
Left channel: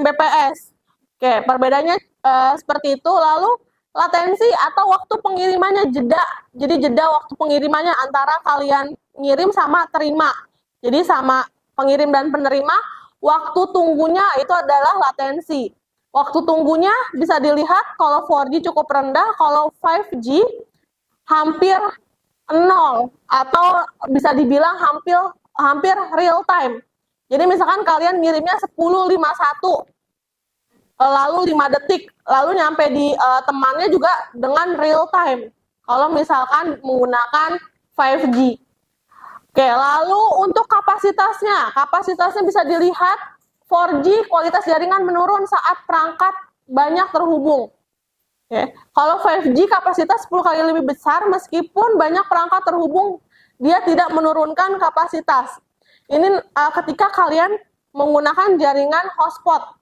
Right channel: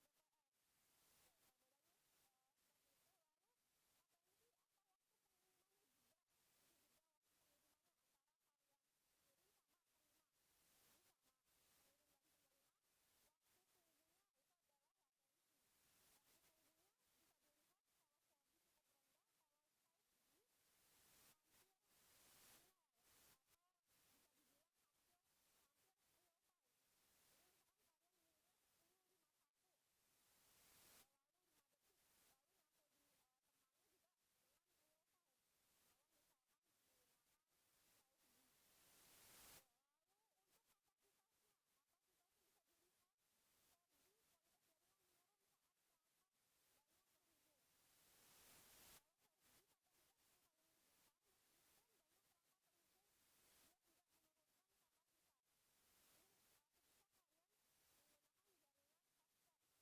Mbps. Oke, perbedaannya seperti itu. Lalu latensi atau waktu pengirimannya jeda. Jadi jeda waktu pengirimannya antara kalian ngirim sama terima. Jadi sama pengirim dan penerima, waktu tunggunya itu adalah latensi. Waktu tunggunya bisa dilihat kalau 4G cukup rendah, kalau 5G hampir 0 atau bisa dibilang hampir real time. Jadi misalkan kalian ngirimnya 10.51 lalu 5 detik, lalu nyampe di temannya juga dengan real time. Kalau misalkan menggunakan 5G. Oke, lalu untuk kapasitasnya bisa dilihat 4G kualitas jaringan menurun saat perangkat banyak terhubung. Oke, kalau 5G kapasitas 10 kali lebih besar meskipun banyak perangkat terhubung, dia tidak menurunkan kapasitas. Ini ketika kalian menggunakan jaringan hotspot.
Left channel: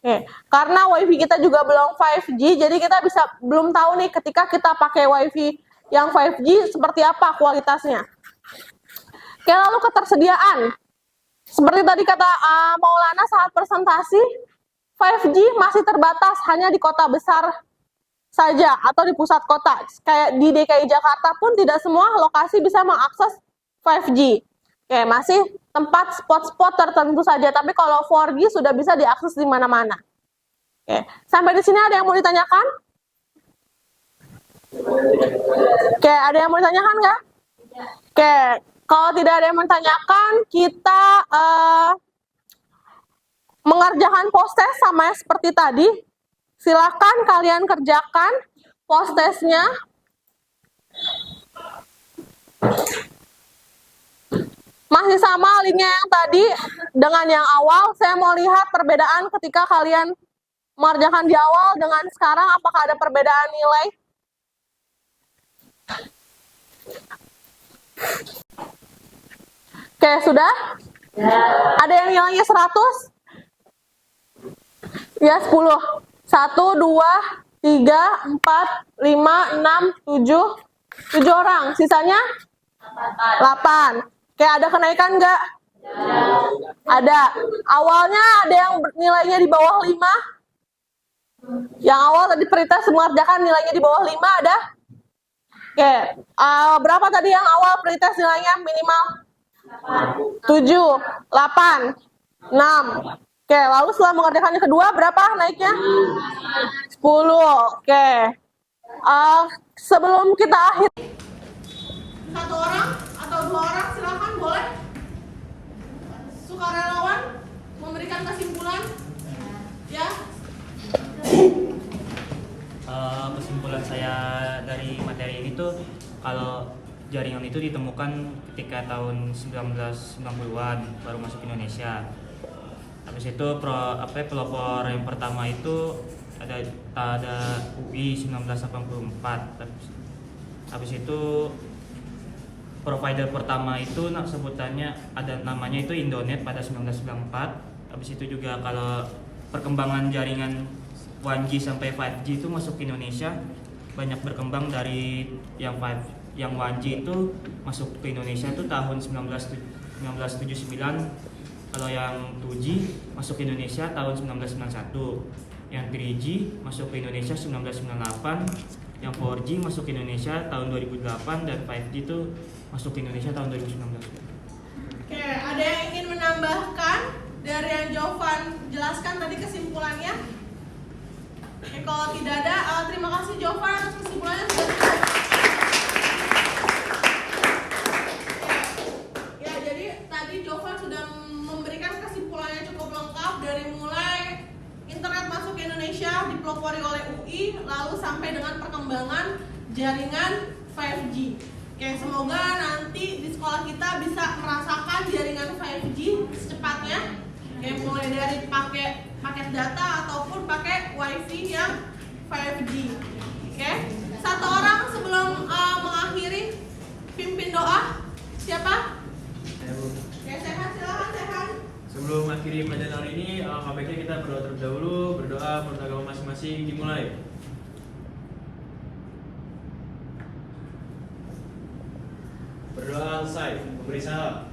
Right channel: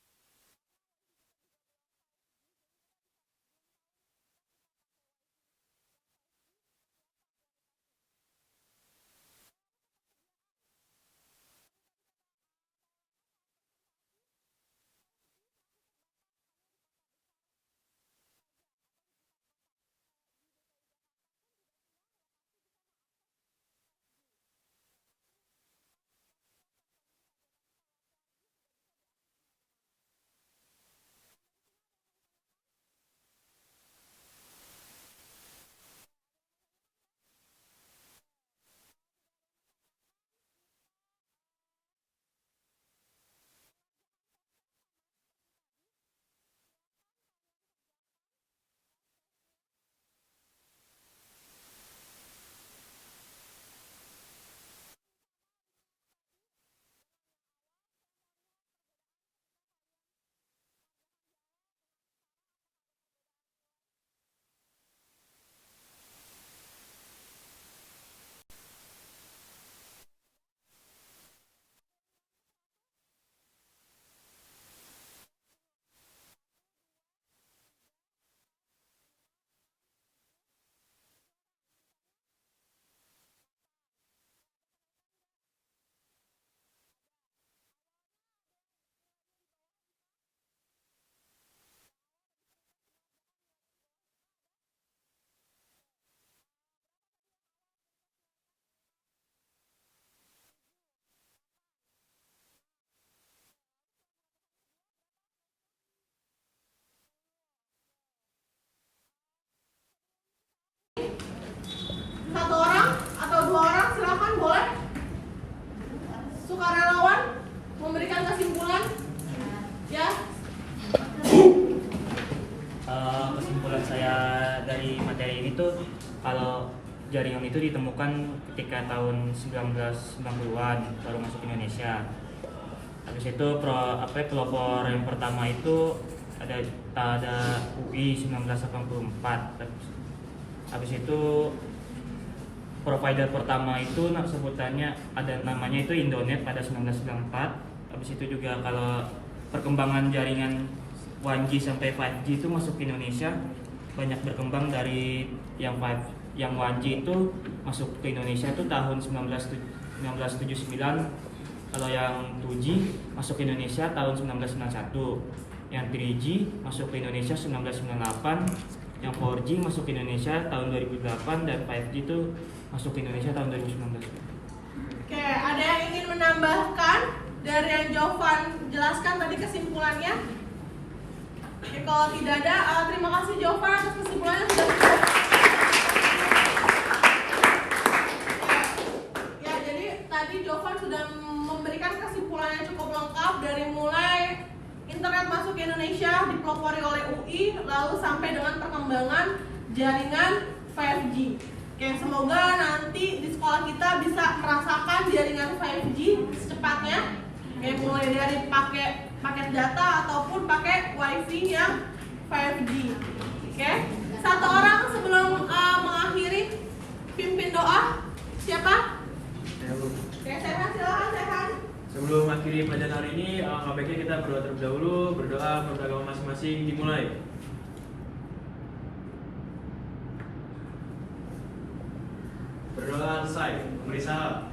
Oke, karena WiFi kita juga belum 5G, jadi kita belum tahu nih ketika kita pakai WiFi yang 5G seperti apa kualitasnya. Oke, lalu ketersediaan. Seperti tadi kata Maulana saat presentasi, 5G masih terbatas hanya di kota besar saja atau di pusat kota. Kayak di DKI Jakarta pun tidak semua lokasi bisa mengakses 5G. Oke, masih tempat spot-spot tertentu saja, tapi kalau 4G sudah bisa diakses di mana-mana. Oke, sampai di sini ada yang mau ditanyakan? Oke, ada yang mau ditanyakan nggak? Oke, kalau tidak ada yang mau ditanyakan, kita mengerjakan post test sama seperti tadi. Silakan kalian kerjakan post testnya. Masih sama linknya yang tadi dengan yang awal. Saya mau lihat perbedaan ketika kalian mengerjakan di awal dengan sekarang, apakah ada perbedaan nilai? Oke, sudah? Ada yang nilainya 100? Ya, 10. 1, 2, 3, 4, 5, 6, 7. 7 orang. Sisanya? 8. Oke, ada kenaikan nggak? Ada. Awalnya ada yang nilainya di bawah 5? Yang awal tadi pretest mengerjakan nilainya di bawah 5 ada? Oke. Berapa tadi yang awal pretest nilainya minimal? 7, 8, 6. Oke, lalu setelah mengerjakan yang kedua berapa naiknya? 10. Oke. Sebelum kita akhiri, 1 orang atau 2 orang silakan boleh sukarelawan memberikan kesimpulan. Ya. Kesimpulan saya dari materi ini tuh kalau jaringan itu ditemukan ketika tahun 1990-an baru masuk Indonesia. Habis itu pelopor yang pertama itu ada UI 1984. Habis itu provider pertama itu sebutannya ada namanya itu Indonet pada 1994. Habis itu juga kalau perkembangan jaringan 1G sampai 5G itu masuk ke Indonesia banyak berkembang dari yang 1G itu masuk ke Indonesia itu tahun 1979. Kalau yang 2G masuk ke Indonesia tahun 1991. Yang 3G masuk ke Indonesia 1998. Yang 4G masuk ke Indonesia tahun 2008 dan 5G itu masuk ke Indonesia tahun 2019. Oke, ada yang ingin menambahkan dari yang Jovan jelaskan tadi kesimpulannya? Oke, kalau tidak ada, terima kasih Jovan atas kesimpulannya sudah cukup. Ya, jadi tadi Jovan sudah memberikan kesimpulannya cukup lengkap dari mulai internet masuk ke Indonesia dipelopori oleh UI, lalu sampai dengan perkembangan jaringan 5G. Oke, semoga nanti di sekolah kita bisa merasakan jaringan 5G secepatnya. Oke, mulai dari pakai paket data ataupun pakai WiFi yang 5G. Oke, satu orang sebelum mengakhiri pimpin doa. Siapa? Oke, Sehan, silakan Sehan. Sebelum akhiri pelajaran hari ini, baiknya kita berdoa terlebih dahulu. Berdoa menurut agama masing-masing dimulai. Berdoa selesai. Beri salam.